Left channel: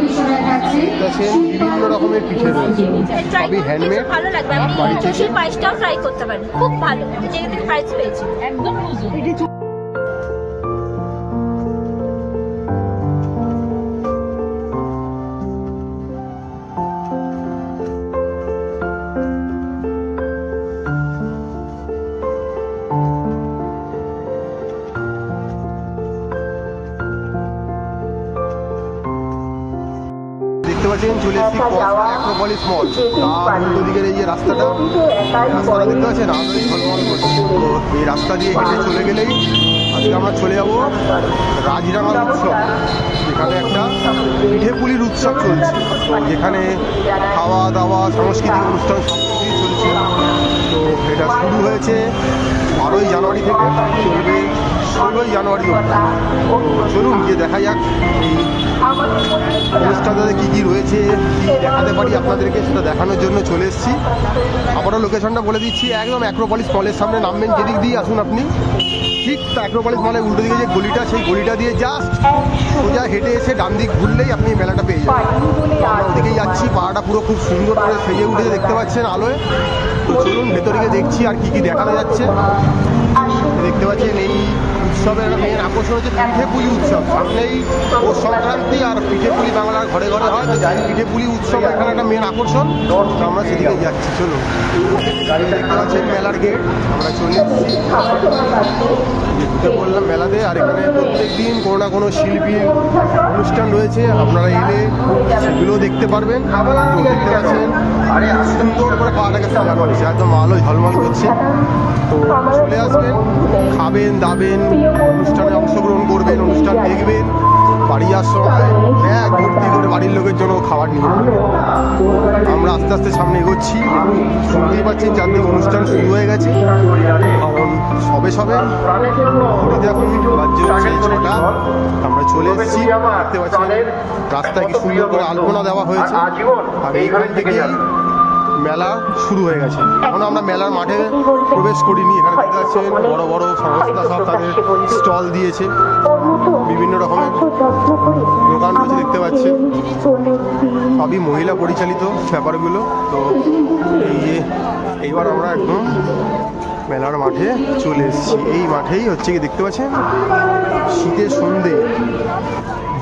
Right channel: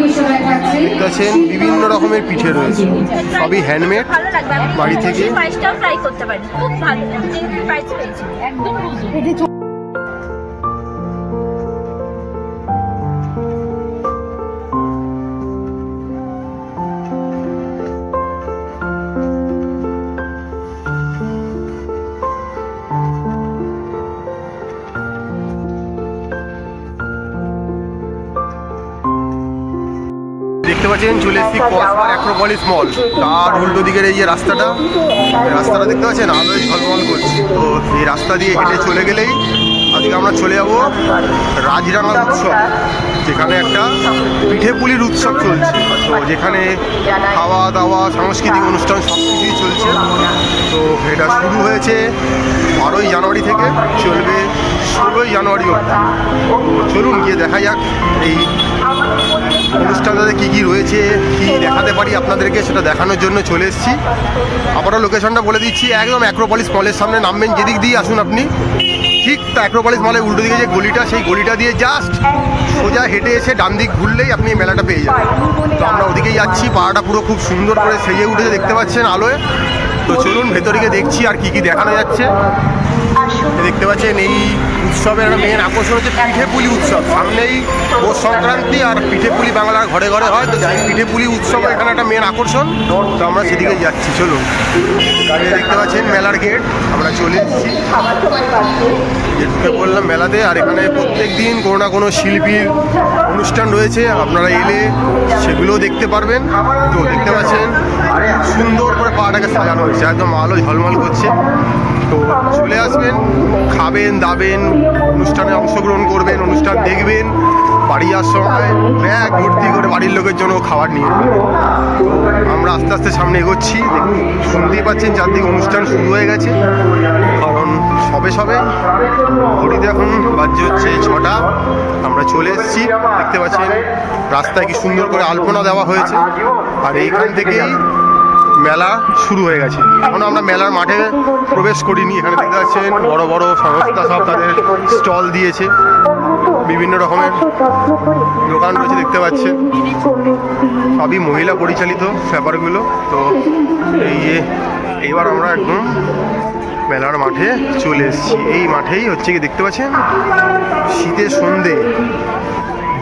দেখতে পাচ্ছেন বিভিন্ন রকমের পিঠে রয়েছে, সবই হ্যান্ডমেড বাড়ি থেকে। দেখতে পাচ্ছেন চলে এসেছি কসবা অ্যাক্রোপলিস মল, তার উল্টো দিকের এই যে রাস্তাটা দেখতে পাচ্ছেন আলোয় ঝলমল করছে। তো এই রাস্তা দিয়ে হেঁটে চলে গেলেই আজকে আমরা চলে যাব রাজরাঙা উৎসব, যেখানে একটা পিঠে পুলির উৎসব চলছে। তো যেখানে খাওয়া দাওয়া সাংস্কৃতিক অনুষ্ঠান সব কিছুই চলছে। তো এটা শুরু হয়েছে 12ই জানুয়ারি থেকে, চলবে 16ই জানুয়ারি অবধি। তো চলুন গিয়ে দেখা যাক এই অনুষ্ঠানটাতে কী কী রয়েছে, কী দেখাতে পারি আপনাদেরকে, সেটা দেখানোর জন্য চলে এসেছি। আবারও লোকেশনটা বলে দিচ্ছি, একদম অ্যাক্রোপলিস মলের সামনে নামবেন, যেদিক দিয়ে আসুন আপনি ঠিক তা অ্যাক্রোপলিস মলের উল্টো দিকে যে গলিটা, সেই গলিটা দিয়ে জাস্ট সোজা হেঁটে এসে ডান দিক ঘুরলেই আপনি মেলাটা পেয়ে যাবেন। তো আমরা ওদিকেই যাচ্ছি, পাড়াটা পুরো খুব সুন্দর করে সেজে উঠেছে দেখতে পাচ্ছেন আলোয়। তো চলুন ভেতরে গিয়ে দেখছি আর কী কী দেখানো যাচ্ছে। দেখতে পাচ্ছেন এই উৎসবের একটা মেন আকর্ষণ হচ্ছে পিঠে পুলি উৎসব। সামনেই পৌষ সংক্রান্তি, আর পিঠে পুলি বাংলার ঘরে ঘরে হয়। তো সেই পিঠে পুলি উৎসব এখানে একটা মেন আকর্ষণ। তো আমরা সেদিকে যাচ্ছি, চলুন। দেখতে পাচ্ছেন মেলার গেট, আমরা চলে এসেছি, ঢুকে পড়লাম মেলাতে। আর এখানে প্রত্যেক দিন কোনো না কোনো শিল্পীর অনুষ্ঠান রয়েছে, আপনারা এলে সেগুলোও দেখতে পারবেন। তো দেখতে পাচ্ছেন সুন্দর করে পাড়াটাকে সাজানো হয়েছে, একদম আলো ঝলমল করছে। তো চলে আসবেন, খাবেন দাবেন, অনুষ্ঠানে অংশগ্রহণ করবেন, অনুষ্ঠান দেখবেন, বাড়ি যাওয়ার সময় ব্যাগ ভর্তি করে বাড়ির লোকের জন্য খাবার নিয়ে যাবেন। আমরা আস্তে আস্তে সামনে এগোচ্ছি, শুনতেই পাচ্ছেন চারদিকে অনুষ্ঠান শুরু হয়ে গেছে, কারণ সবে ঘড়িতে এখন বাজছে হচ্ছে 6টা। আমরা চলে এসেছি, দেখতে পাচ্ছেন রাস্তায় কি সুন্দর করে আলপনা দেওয়া হয়েছে। আর এইখান থেকেই মেলা শুরু হয়ে গেছে। এখনো আমরা মেলার মাঠে প্রবেশ করিনি। এখানে দেখতে পাচ্ছেন বড় বড় সংস্থা সব তাদের স্টল দিয়েছে, বিভিন্ন রকমের দোকান রয়েছে দেখতে পাচ্ছেন, সবই মহিলা পরিচালিত ব্যাপারগুলো। তো এই যে এইবার আমরা একদম মেলার মাঠে চলে এসেছি। এই মাঠেই হচ্ছে কি দেখতে পাচ্ছেন শীতের সন্ধে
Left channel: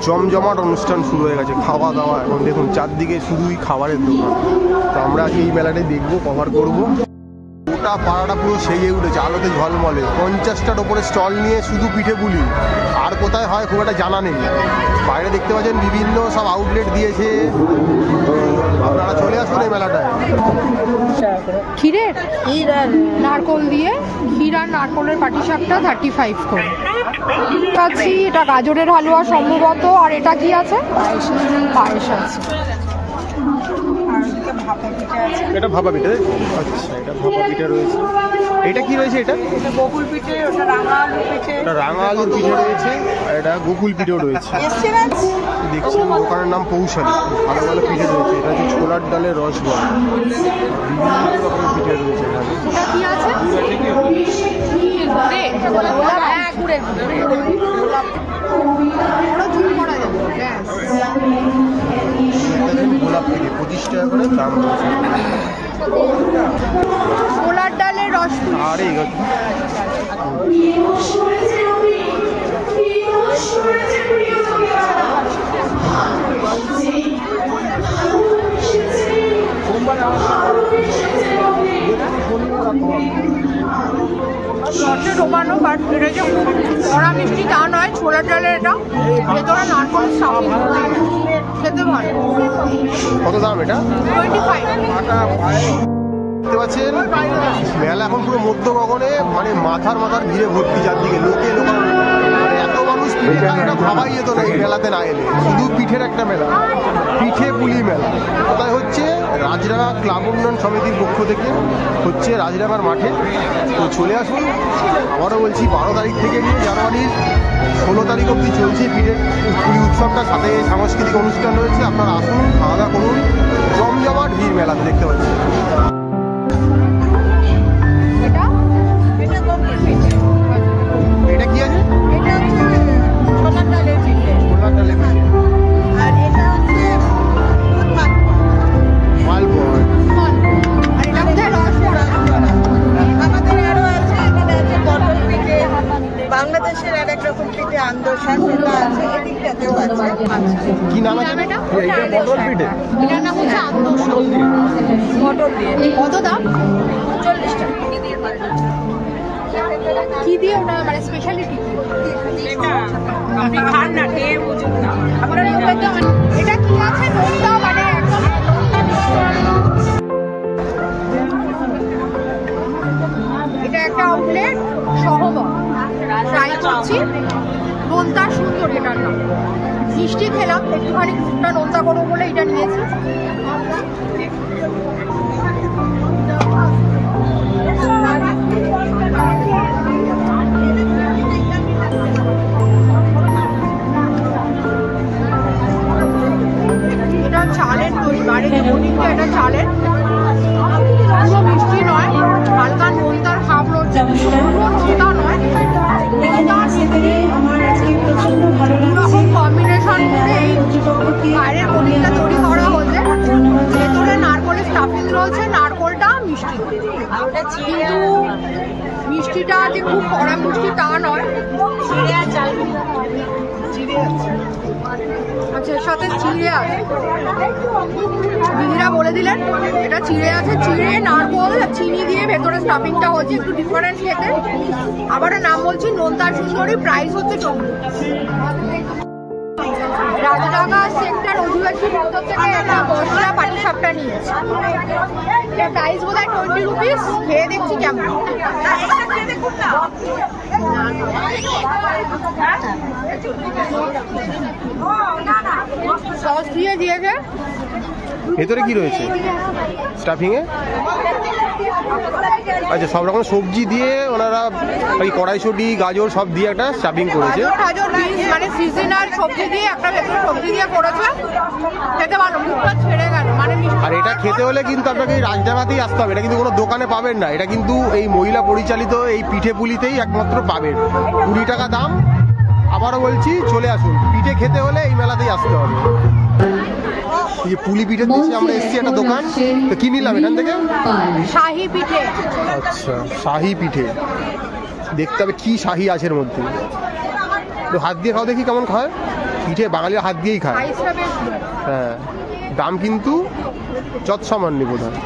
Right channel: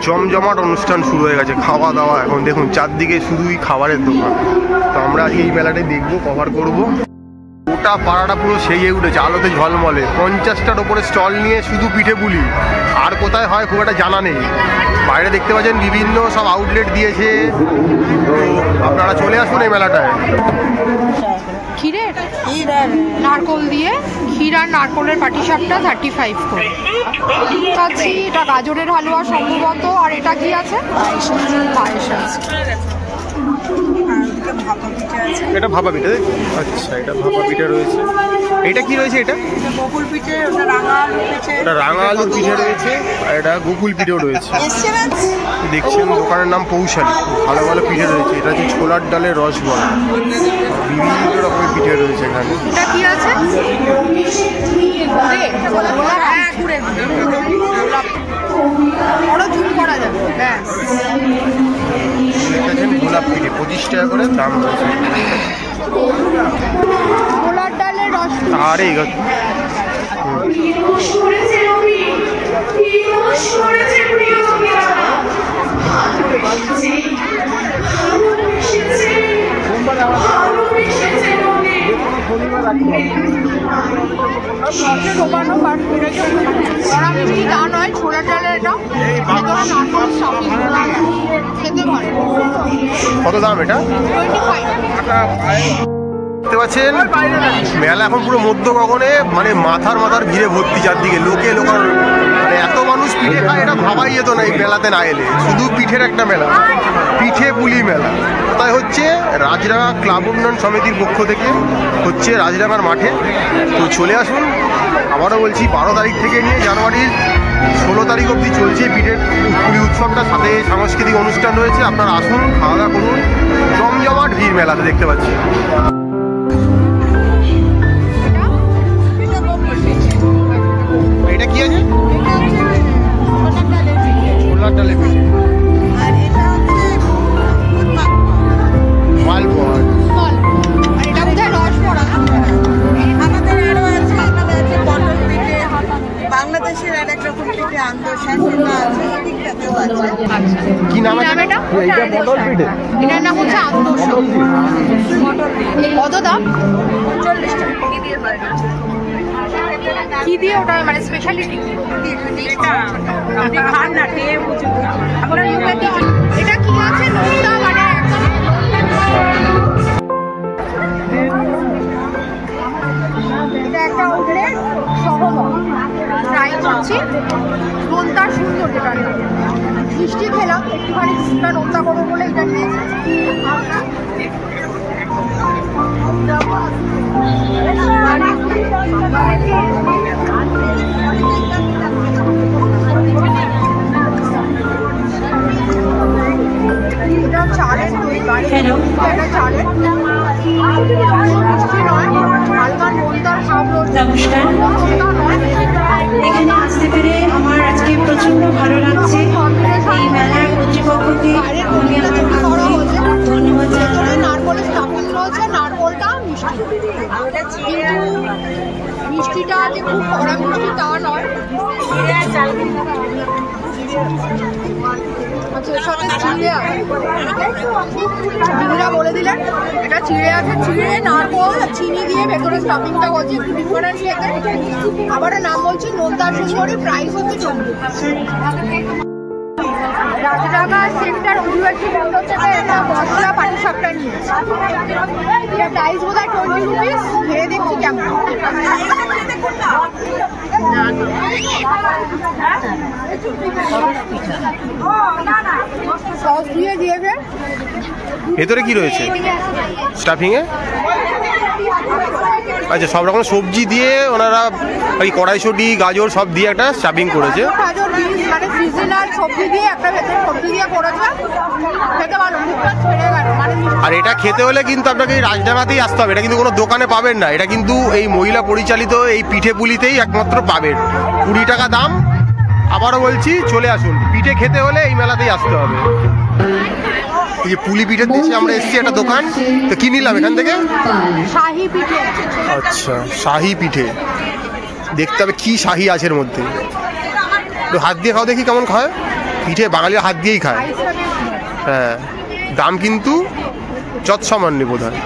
জমজমাট অনুষ্ঠান শুরু হয়ে গেছে, খাওয়া দাওয়া। এখন দেখুন চারদিকে শুধুই খাবারের দোকান। তো আমরা আজকে এই মেলাটাই দেখবো, কভার করব। গোটা পাড়াটা পুরো সেজে উঠেছে আলোতে ঝলমলে, 50টার ওপরে স্টল নিয়ে শুধু পিঠে পুলি। আর কোথায় হয় খুব একটা জানা নেই। বাইরে দেখতে পাচ্ছেন বিভিন্ন সব আউটলেট দিয়েছে। তো আপনারা চলে আসুন এই মেলাটায়। ক্ষীরের নারকোল দিয়ে ক্ষীর আর নারকোলের পাটিসাপটা 35 করে পাচ্ছি। এটা গাজরের হালুয়া সম্ভবত। আর এটা কি আছে? পায়েস আছে। এটা ভাপা পিঠে। আচ্ছা, এটা ভাপা পিঠে রয়েছে। এটা কি রয়েছে? এটা গোকুল পিঠে, ওটা রাঙা আলুর পিঠে। ওটা রাঙা আলুর পিঠে রয়েছে, আর এটা গোকুল পিঠেও রয়েছে। দেখছেন দোকানের নাম পৌশালী, ভালো ভালো পিঠে রয়েছে। এটা হচ্ছে ছোলার ডালের রসবড়া, বিভিন্ন রকমের পিঠে রয়েছে এখানে। এটা কি আছে? গোলাপ পিঠে 25 টাকা করে দাম রয়েছে। ছোলার ডালের রস। আরে ডোবানো বাট এটা যে কড়া মিষ্টি তা নয়, ছোলার ডালের। এটা ভেতরে নারকোল খেতে ভালো। কত দাম এটা? 25। দেখতে পাচ্ছেন মেলা এখন পুরো মধ্য গগনে, মানে মাথার ভিড়ে ভর্তি, চারদিকে লোকে লোকানো। মানে এত মানুষ পিঠে খায়, এটা ভাবাই যেত না এই মেলাতে না এলে। শুধু পিঠের একটা মেলা, পিঠে পুলি মেলা। কোথায় হচ্ছে? রাজরাঙা ক্লাব উন্নয়ন সমিতির পক্ষ থেকে হচ্ছে রাজরাঙার মাঠে। তো চলে আসুন। আবারও বলছি 12 তারিখ থেকে নিয়ে জানুয়ারির 16 তারিখ অবধি চলছে পিঠের পুলি উৎসবটা। সাথে সাংস্কৃতিক অনুষ্ঠান রয়েছে, আপনারা আসুন, খাওয়া দাওয়া করুন। জমজমাট ভিড় মেলাতে দেখতে পাচ্ছি। এটা কি আছে? ছোলার ডালের পিঠে। আর এটা হচ্ছে কি নাম আছে এটা? মটর পিঠে। এটার নাম হচ্ছে আন্দোসা। কত দাম? 40 টাকা। কি দিয়ে ওটা মানে স্পেশালিটি কি? এটা কি আছে? এটা একটা আউটলেট সহবল ট্রাই করছি। নোনতা সুন্দর, এটা মিষ্টি খেলাম একটুখানি, নোনতা করবো বলে এটা নিয়েছি। এটা চালের দই, এটা চালের মিষ্টি নয়, হালকা নোনতার ভাব রয়েছে। নোনতা নয়। এখানে আসতে পেরে আমার আজকে প্রচন্ড ভালো লাগছে। এই মেলার কর্তৃপক্ষকে বাইরের পনিরটা তৈরি করা হয়েছে, ভেতরে নারকলের স্টাফিং রয়েছে, নারকলটা মিষ্টি, কিন্তু মিষ্টিটা যে খুব কড়া মিষ্টি তা নয়। আচ্ছা, সবে চিড়ে আছে, দিদিরা বলে দিলেন এটা চিড়ে আছে। চিড়ে, নারকল, চিনি দিয়ে ভেতরে স্টাফিংটা হচ্ছে একটু ডিফারেন্স খেতে। আবার নাম বলছি নোনতা সুন্দরী, প্রাইস হচ্ছে 40। রাজডাঙ্গা সেক্টর অধিবাসী বন্ধ থেকে একটা বর্ষা পাটিসাপটা নিয়েছে। এটা প্রাইস বোধ হয় 20 রুপিস। খেয়ে দেখছি কেমন। সস দিয়ে দিয়েছে। ভেতরে কি রয়েছে স্টাফিং এ? আচ্ছা, সব রকম সবজি দিয়ে ওনারা ওই কড়াইশুঁটি, গাজর সব দিয়ে একটা স্টাফিং করেছে। গাজর, বিনস মানে সিজনাল সবজি দিয়ে একটা ভেতরে সবজি দিয়ে করেছে। খেতে ভালো, মুখটা ছেড়ে গেল মানে। আর এটা খেতে হলে কিন্তু আপনাকে এই রাজডাঙ্গাতেই আসতে হবে, এটা কিন্তু কোনো দোকানে পাবেন না। এটা কিন্তু এই মহিলা পরিচালিত এই পিঠে পুলিতেই একমাত্র পাবেন। 20 টাকা দাম। আবারও বলছি, চলে আসুন। পিঠে খেতে হলে এই মেলাতেই আসতে হবে। এই যে পুলি পিঠের দেশে আমরা এসেছি একটা দোকান, তো কি নিলাম এখান থেকে? শাহী পিঠে। আচ্ছা, শাহী পিঠে। দেখতে হবে কি শাহী আছে এর মধ্যে। একটু হাত দিয়ে খাও দেখি কেমন খায়। পিঠে বাঙালিরা হাত দিয়েই খায়। হ্যাঁ, দাম কিন্তু যৎসামান্য বোধ হয়।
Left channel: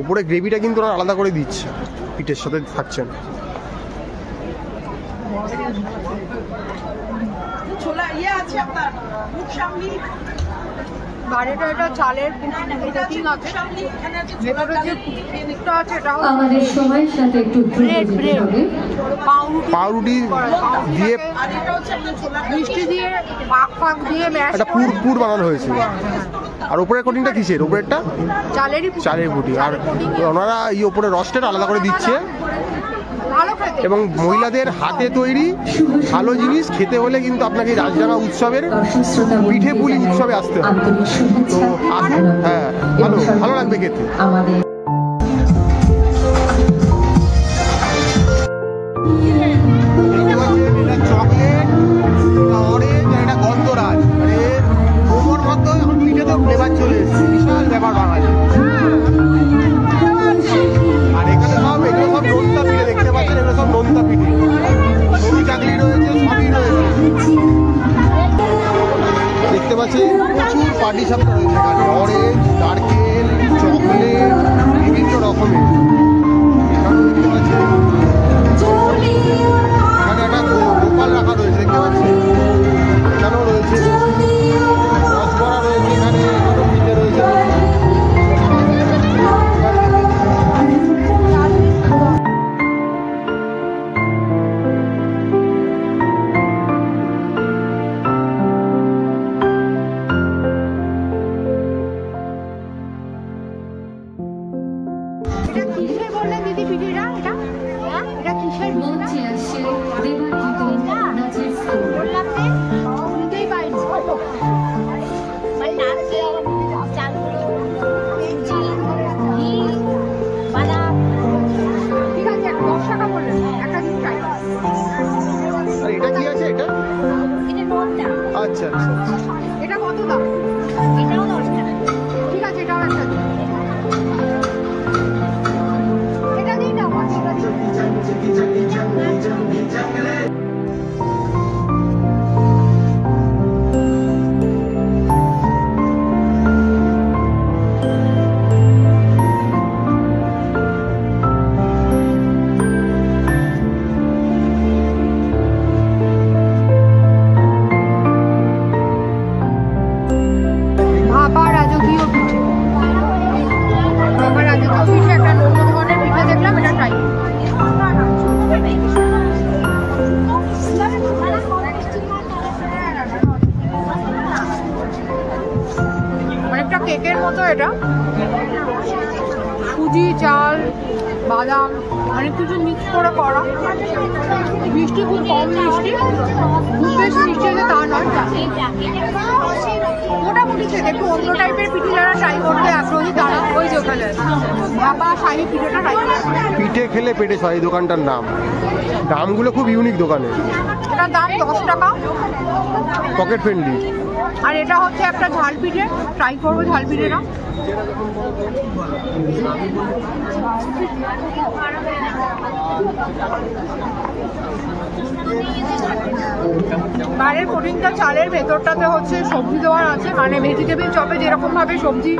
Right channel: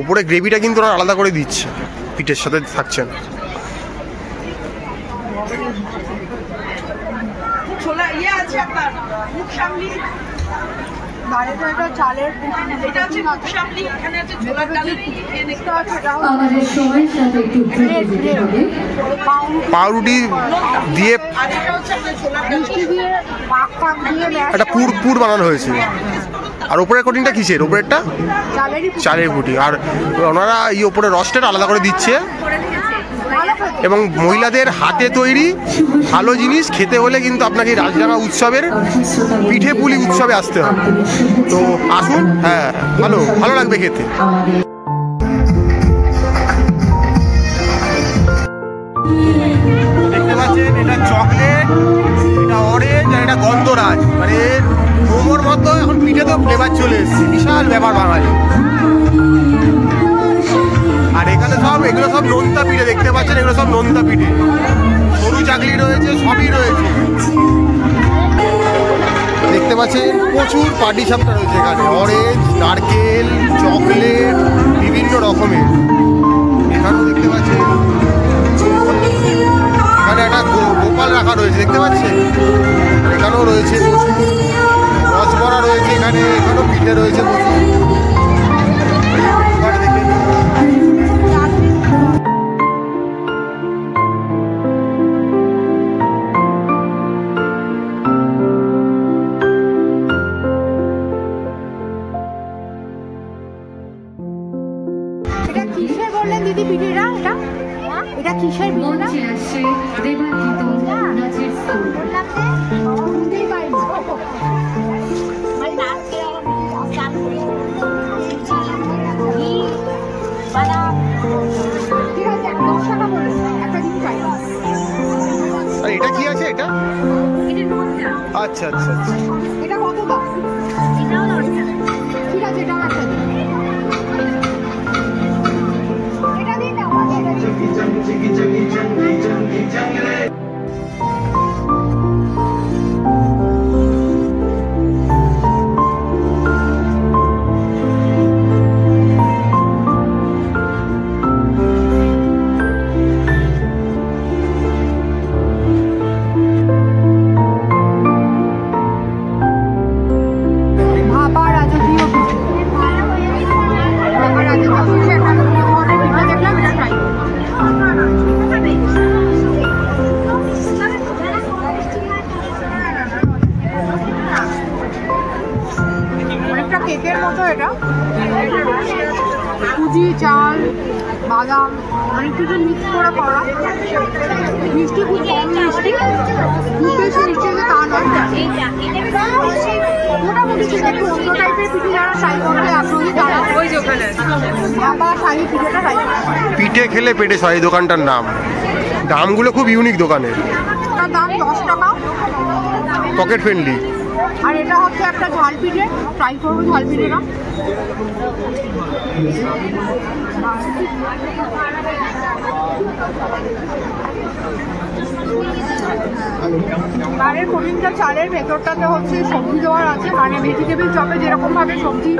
ওপরে গ্রেভিটা কিন্তু ওরা আলাদা করে দিচ্ছে, পিঠের সাথে থাকছে না। আমাদের সময়ের সাথে একটু দ্রুত হবে। পাউরুটি দিয়ে মিষ্টি দিয়ে পাক পাক দিয়ে একটা পুর বানানো হয়েছে। আর ওপরের কোটিংটা কিসের? ওপরেরটা চালের পুটি। আর ওনারা এই ওপরে রসটা আলাদা করে দিচ্ছে। এবং মহিলাদের হাতে তৈরি ভালো জিনিস খেতে হলে কিন্তু আপনাকে রাজডাঙ্গা উৎসবের পিঠে পুলি উৎসবে আসতে হবে। তো আসুন, হ্যাঁ, ভালো লাগবে খেতে। দেখতে পাচ্ছেন, এটা চকলেট, এটা অরেঞ্জ, আর এটা গন্ধরাজ। মানে মোমোর মতো এখন পিঠে তো ফ্লেভার চলে এসছে। বিশাল ব্যাপার বাঙালি। আর এখানে এগুলো সব নোনতা পিঠে দেখতে পাচ্ছেন, এগুলো সব নোনতা পিঠে। সরু চাকলি রয়েছে, সবই রয়েছে। দেখতে পাচ্ছেন প্রচুর পাটিসাপটা রয়েছে এখানে। অরেঞ্জ, নারকেল, চকলেট, বিভিন্ন রকমের। এখানেও দেখতে পাচ্ছেন, এখানে একটা গোপাল রাখা রয়েছে, দেখতে পাচ্ছেন। এখানেও রয়েছে প্রচুর রসবড়া রয়েছে। এখানেও পিঠে রয়েছে প্রচুর। এটা কিসের বললেন দিদি পিঠেটা? এটা কিসের মঞ্চে আসছে দেবাঙ্কিত নাচের স্কুল। বুঝতেই পাইনি। ঠিক আছে, 10 টাকা বলুন, একটা দিন চাই। আর এটা কি আছে? এটা আচ্ছা আচ্ছা আচ্ছা। এটা কত দাম? এটাও 10 টাকা। ঠিক আছে, এটাও একটা দিন। এটা দিন না, এটা দিন। ভাপা রাজকীয় পিঠে, ভাপা রাজকীয় পিঠে একটা অন্য ধরনের পিঠে দেখলাম, এটা ট্রাই করবো। অনেকটা কেকের মতো, এটা সুজি, চাল, বাদাম অনেক কিছু মিক্স করে করা। মিষ্টি খুব কম মিষ্টি, খুব বেশি মিষ্টি হলে তা নয়, মোটামুটি ঠিক। একটু অন্য টাইপের পিঠে যারা ট্রাই করতে আগ্রহী তারা ওই যে ওখানে ভাপা শাহী পিঠেটা ট্রাই করবে। পিঠে খেলে পেটে সয় দোকানটার নাম। দামগুলো খুব ইউনিক দোকানের। ওটার দাম 10 টাকা, পকেট ফ্রেন্ডলি। আর এটা হচ্ছে একটা ঝাল পিঠে, ট্রাই করবো ঝাল পিঠেটা। বাইরের কোটিংটা চালের, ভেতরটাতে হচ্ছে সবজি দেওয়ার আছে, মানে ভেজিটেবিল চপে যেরকম ভাবে সবজি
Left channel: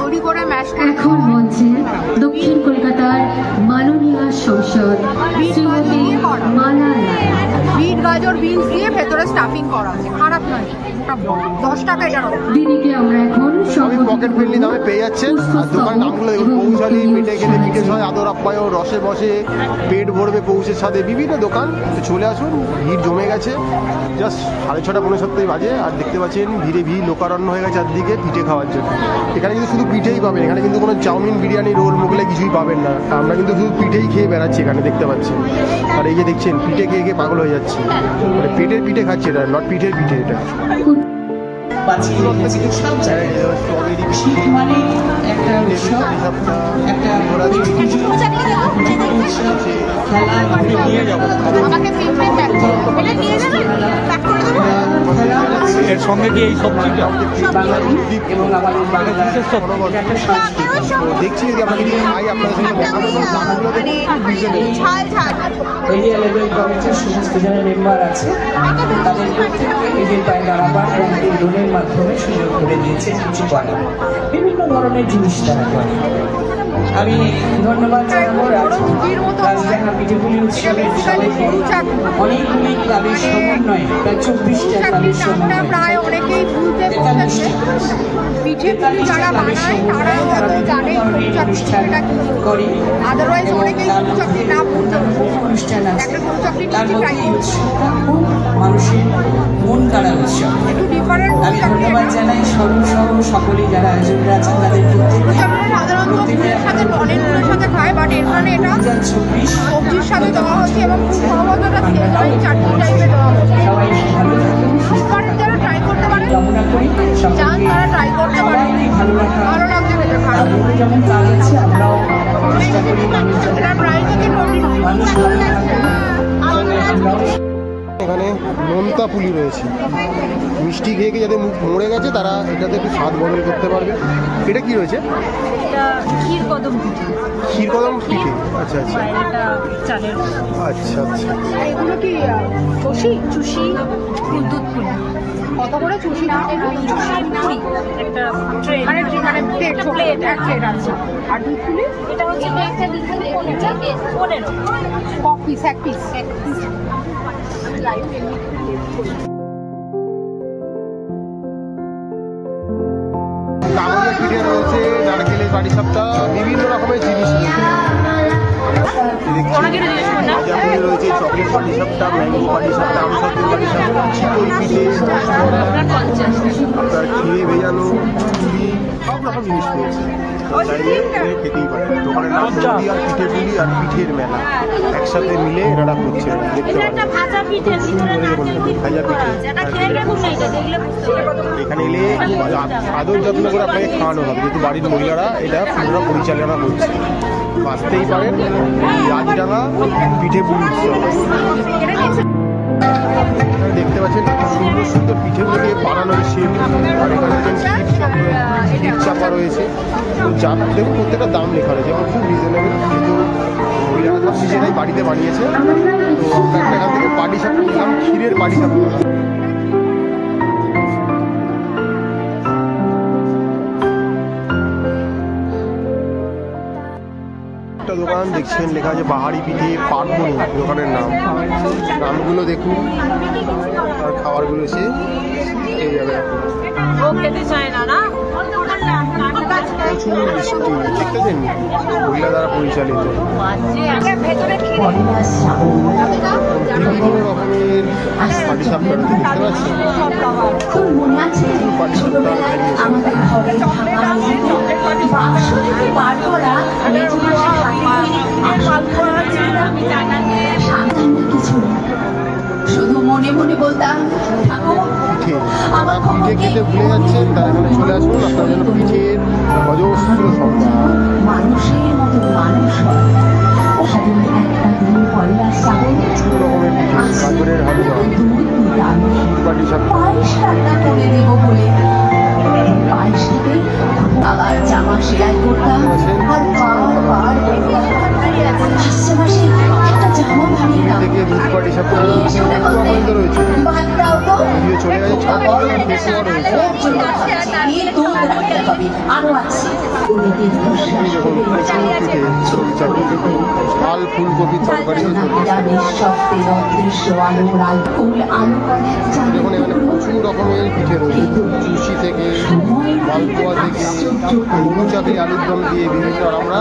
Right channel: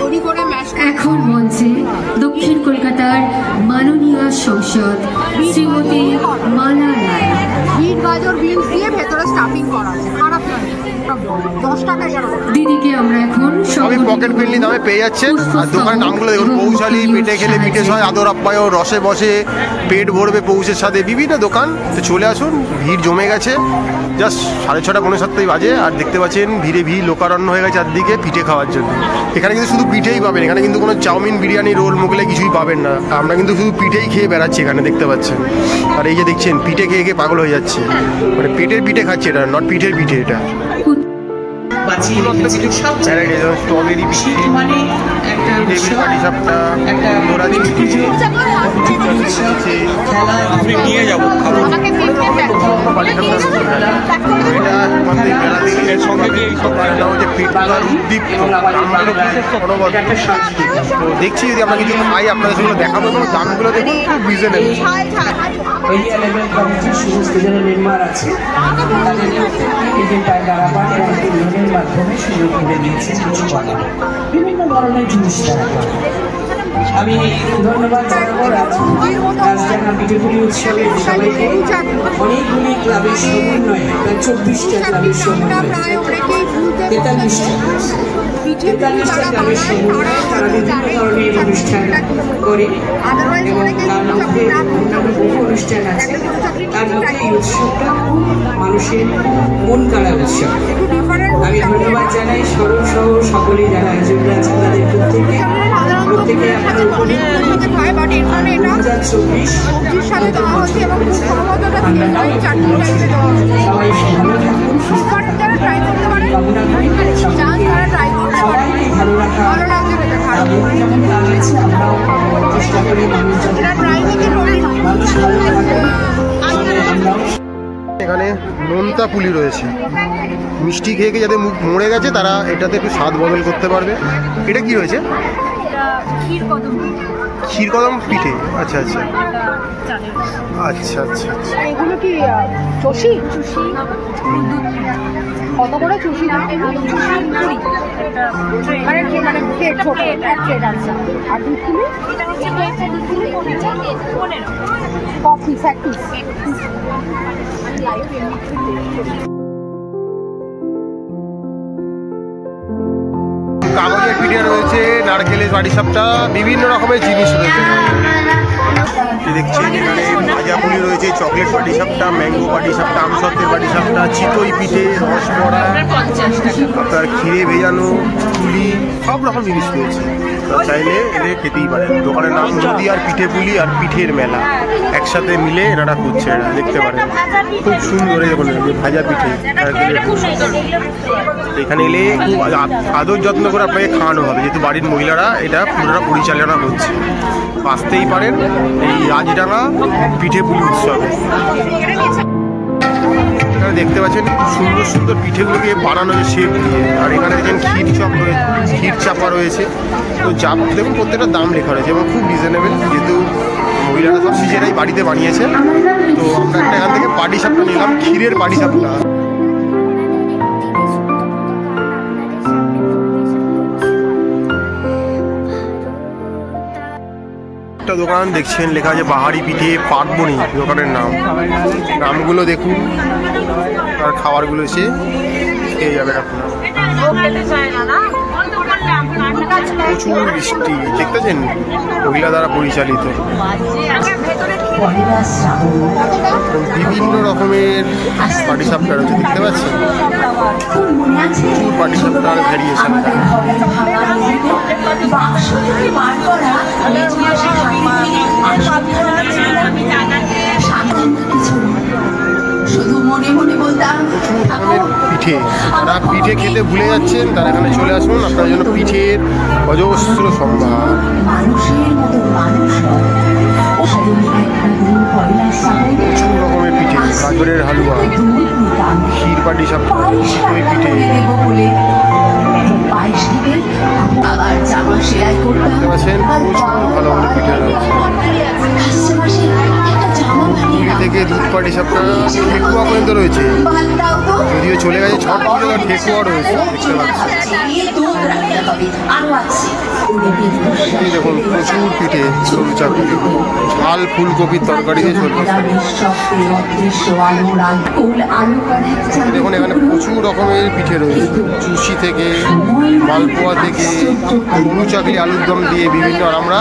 তৈরি করে ম্যাশ করে। এখন মঞ্চে দক্ষিণ কলকাতার মাননীয় সংসদ শ্রীমতী মালা রায়। বিট, গাজর, বিনস দিয়ে ভেতরে স্টাফিং করা আছে, খারাপ নয়। 10 টাকা এটা। দিদিকে আমরা এখন সবই পকেট ফ্রেন্ডলি দামে পেয়ে যাচ্ছে। আর দোকানের নামগুলো দেখুন, পৌশালী, পেটে খেলে পিঠে সয়, আদর আপ্যায়ন, রসে বসে, পেট ভরবে পৌষের সাথে, বিভিন্ন দোকান। তো চলে আসুন, ভিড় জমে গেছে। জাস্ট 6:30 পৌনে 7টাই বাজে, আর দেখতে পাচ্ছেন ভিড়ে ভিড়, লোকারণ্য হয়ে গেছে চারদিকে পিঠে খাওয়ার জন্য। এখানে কিন্তু শুধু পিঠেই পাবেন, এখানে কিন্তু কোনো চাউমিন, বিরিয়ানি, রোল, মোগলাই কিছুই পাবেন না। আমরা কিন্তু শুধু পিঠেই খেয়ে বেড়াচ্ছি এখানে, দেখতে পাচ্ছেন। আর এই যে দেখছেন, পিঠে খেয়ে খেয়ে পাগল হয়ে যাচ্ছে, মানে পেটের পিঠে খাচ্ছে এটা, নট পিঠের পিঠে এটা। স্ট্রবেরি টেবিল পাটি সাপটা, আমি নিয়ে যাবো খাবো। তো দেখছি যদি আমরা কিছু খাই আপনাদের সেগুলো দেখাবো, এবং দামগুলো দেখুন খুব রিজনেবল। সমস্ত যারা মেম্বার আছে তাদের প্রত্যেককে পায় দাঁড়াবার লোনের মাধ্যমে সুযোগ করে দিয়েছে কিছু করার, বিভিন্ন ধরনের জিনিস তারা করে। আমি ধন্যবাদ জানাবো রাজডাঙ্গা পিঠেপুলি উৎসবের সবাইকে। অনেকগুলি ক্লাবের সমন্বয়ে, প্রায় 24টা ক্লাবের সমন্বয়ে, 43টা ক্লাবের সমন্বয়ে তারা বিভিন্ন ধরনের অনুষ্ঠান করে, এবং তার মধ্যে অন্যান্য বহু অনুষ্ঠান আছে। তার মধ্যে এই উৎসবটা খুব মানুষের মন কাড়া উৎসব। আমি ধন্যবাদ জানাই সরব সহ সকলে যারা আয়োজকরা আছে, তাদের প্রত্যেকে আপনার 2024 সবাই ভালো থাকুন, কামনা করি সবাইকে ভালো রাখা। আমাদের যেমন কাজ আছে, আমরাও চেষ্টা করি মানুষজন মানুষ ভালো থাকুন, আমরাও। এখানে নোনতা পুলি রয়েছে, মিষ্টি খেয়ে খেয়ে যাদের মুখ মরে গেছে তারা এটাতে একটু স্বাদ বদল করতে পারবে। এটা কি রয়েছে? ক্ষীরকদম পিঠে। আচ্ছা আচ্ছা আচ্ছা আচ্ছা আচ্ছা। এগুলো কি চুষি? চুষি কত করে চুষি? আর দুধ পুলি কফি এক পিস। কাগজের পিঠে রয়েছে, নারকেলের পাটিসাপটা, বিভিন্ন রকমের জিনিস রয়েছে। দেখছি এখানে ভাজা পুলি রয়েছে, চকলেট পাটিসাপটা, ম্যাঙ্গো পাটিসাপটা, আমসত্ত্বের পাটিসাপটা, চিতই পিঠে, রসবড়া, আপনার ক্ষীরে ভেজানো পুলি, সব রকম জিনিস রয়েছে। চাইলে এনে খেতেই পারে। দোকানের নাম নদী আর পিঠে পুলি আর পিঠের মেলা একসাথে মিলে এনারা করছে, এরা দেখতে পারেন। খুব সুন্দর, দেখুন ভাজা পিঠে। এখানে এলে খুব আদর যত্ন করে আপনাকে খাওয়ানো হবে, যেহেতু বাড়ির মহিলারা এটা পুরোটা পরিচালনা করছে। আসতেই পারেন এই রাজডাঙ্গা পিঠে পুলি উৎসবে। এখানে দেখতে পাচ্ছেন খুব সুন্দর সুন্দর পিঠেগুলোকে বানানো হয়েছে শেপ দিয়ে। আর এখানে দেখেন ক্ষীর চাপা রয়েছে। তো দেখুন প্রত্যেকটা দাম লেখা রয়েছে এবং খুব রিজনেবল, যেহেতু মহিলারা সব নিজেরাই বাড়িতে বানিয়েছে। তো আমরা একটা এখান থেকে পাটিসাপটা নিলাম, ক্ষীরের পাটিসাপটা। একটা দোকান দেখছেন লেখা আছে বাহারি পিঠে পাটবনি, দোকানের নামগুলো দেখুন আর খাবারগুলো এসে খেয়ে যাবেন আপনারা। প্রচুর বৃষ্টি দেখতেছেন, মহিলা দ্বারা পরিচালিত। বিভিন্ন রকমের পাটিসাপটা রয়েছে দেখতে পাচ্ছেন, প্রচুর পাটিসাপটার ভ্যারিয়েশন। শুধু মনে মনে বলতাম প্রচুর রকমের পিঠে, তারা পিঠে খেতে ভুলে যাচ্ছেন, তারা এখানে চলে আসুন, আপনার জন্য পিঠের অজস্র সম্ভার। মানুষের মতো মানুষ প্রচুর রকমের পিঠে, গাজরের হালুয়া, ক্ষীর পাটিসাপটা, ওই পিঠে। আবার জামা সেলাই করতাম, প্রচুর ভালো ভালো পিঠে রয়েছে। পুরী থেকে দুধ পাটিসাপটা, ঠেকুয়া পর্যন্ত রয়েছে, যদিও চলে গেছে ছট পুজো, ঠেকুয়া রয়েছে দেখতে পাচ্ছি। এই দেখুন প্রচুর পিঠে, সরুচা পিঠে, ঝাল ফুলকপির তরকারি দিয়ে ঝোল তরকারি। দেখুন এখানে প্রচুর রকমের পিঠে রয়েছে, চুষি থেকে মালপোয়া থেকে গরু চাকরি আলুর দম দিয়ে বিভিন্ন। আর আমরা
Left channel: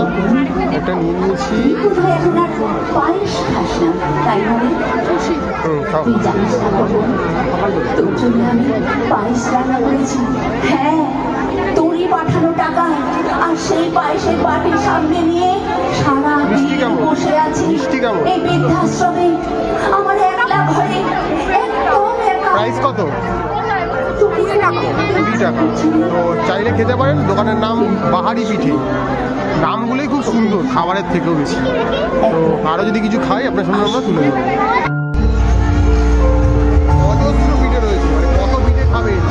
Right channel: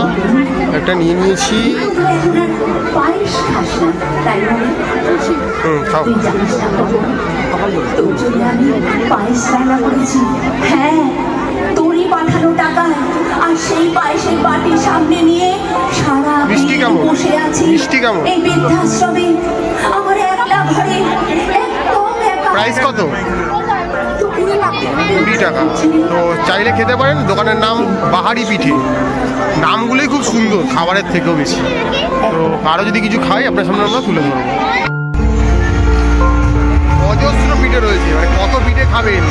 একটা নিয়ে নিয়েছি, খাও। হ্যাঁ, তোরই পাঠানো টাকা আর সেই পায়েসের বাটির সামনে নিয়ে সারা মিষ্টি কেমন? বসে আছি মিষ্টি কেমন? এই বৃদ্ধাশ্রমে আমার একলা ঘরে, একদম একা। প্রাইস কত? 20 টাকা। তো চাইলে খেতে পারেন, দোকানের নাম বাহারি পিঠে। নামগুলোই খুব সুন্দর, খাবারের থেকেও বেশি। তো আরও যদি কিছু খাই আপনার সামনে আমরা তুলে ধরবো। অজস্র পিঠে রয়েছে, মানে কত পিঠে খাবেন,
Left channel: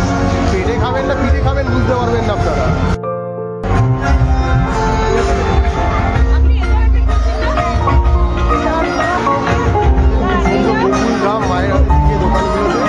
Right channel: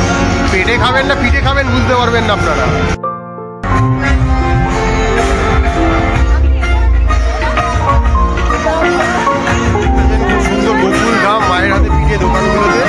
পেটে খাবেন না পিঠে খাবেন বুঝতে পারবেন না আপনারা। খুব সুন্দর বকুল ধাম মায়ের হাতে পিঠে দোকানগুলোতে।